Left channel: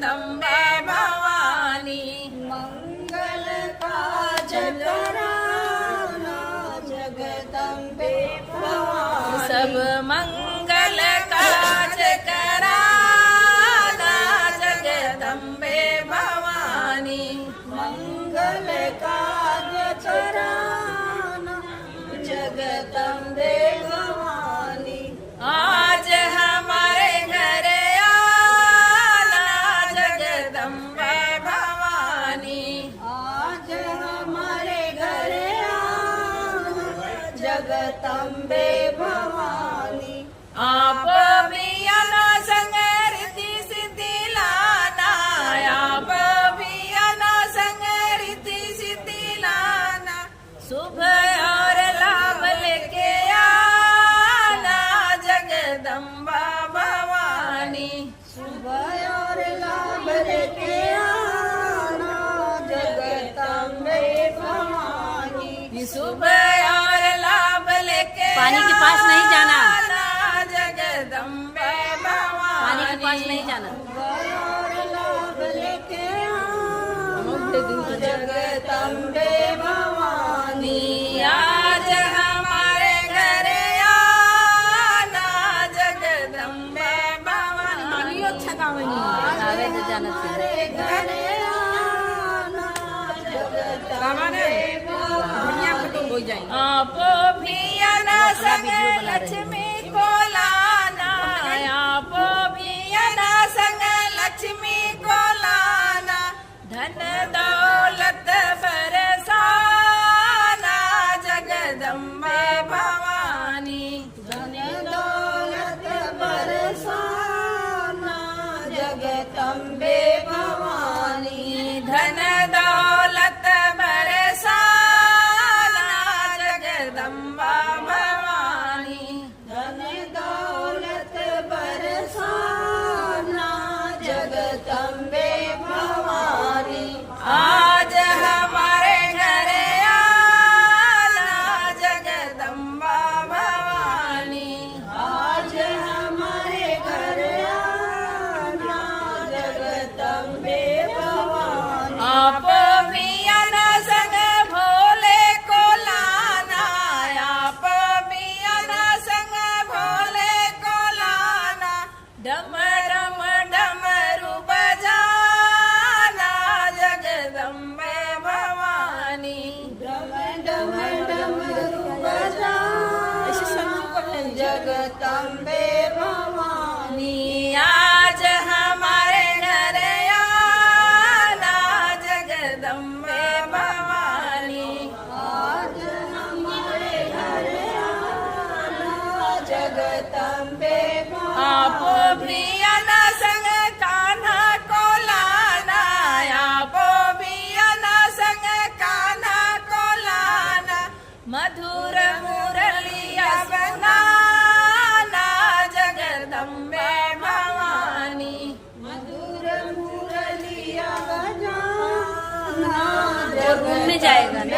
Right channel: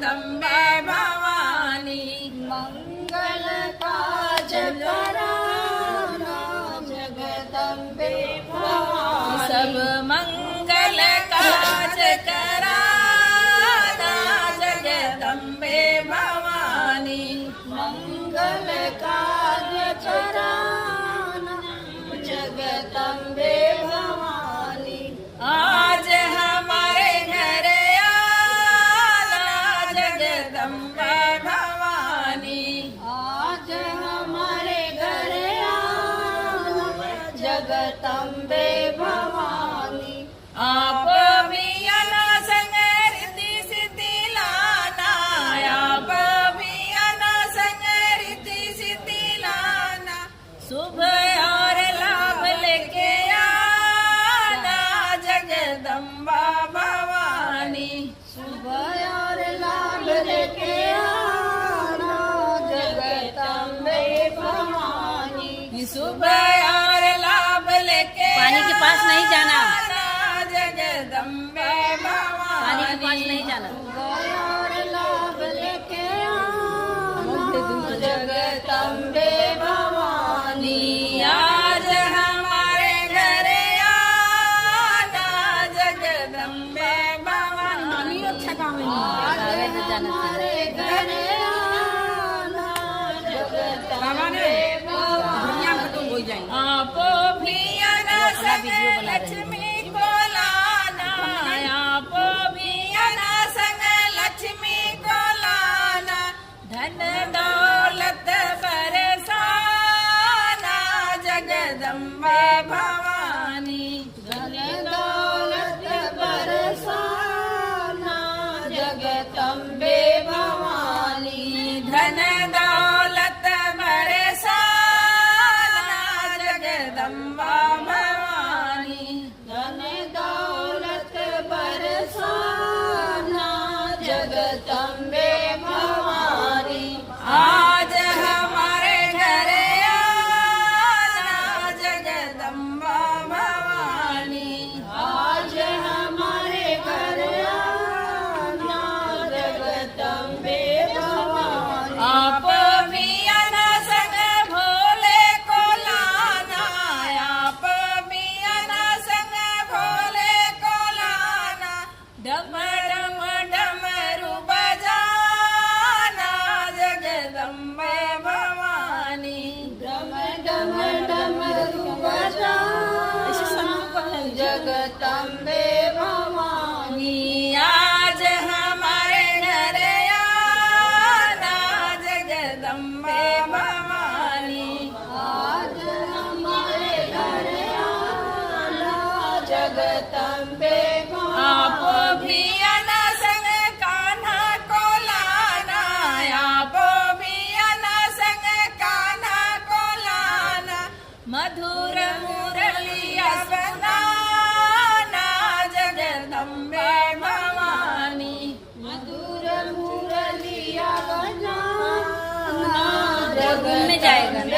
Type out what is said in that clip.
जगदम्बे भवानी। मंगल काज कराना जगदम्बे भवानी। सब मंगल काज कराना जगदम्बे भवानी। मंगल काज कराना जगदम्बे भवानी। आज हमारे घर आना जगदम्बे भवानी। आज हमारे घर आना जगदम्बे भवानी। आप भी आना संग रिद्धि सिद्धि लाना। आप भी आना संग रिद्धि सिद्धि लाना। शुभ और लाभ लेके आना जगदम्बा भवानी। सुबह और लाभ लेके आना जगदम्बे भवानी। शुभ और लाभ लेके पानी के पास नहीं जाना। आना जगदम्बे पानी के पास नहीं भवानी। जाना। सुबह और लाभ लेके आना जगदम्बे भवानी। आज हमारे घर आना जगदम्बे भवानी। अच्छा काम है। आज हमारे घर आना जगदम्बे भवानी। आप भी आना संग लक्ष्मी को लाना। आप भी आना संग लक्ष्मी को लाना। धन दौलत बरसाना जगदम्बा भवानी। धन दौलत बरसाना जगदम्बे भवानी। धन दौलत बरसाना जगदम्बा भवानी। धन दौलत बरसाना जगदम्बे भवानी। आज हमारे घर आना जगदम्बा भवानी। आज हमारे घर आना जगदम्बे भवानी। आप भी आना संग भोले को लाना। आप भी आना संग भोले को लाना। डम डम डमरू बजाना जगदम्बे भवानी। डम डम डमरू बजाना जगदम्बे भवानी। आज हमारे घर आना जगदम्बे भवानी। आज हमारे घर आना जगदम्बे आप भवानी। भी आना संग कान्हा को लाना। आप भी आना संग कान्हा को लाना। मधुर मुरलिया बंधाना जगदम्बे भवानी। मधुर मुरलिया बजाना में जाएगा जगदम्बे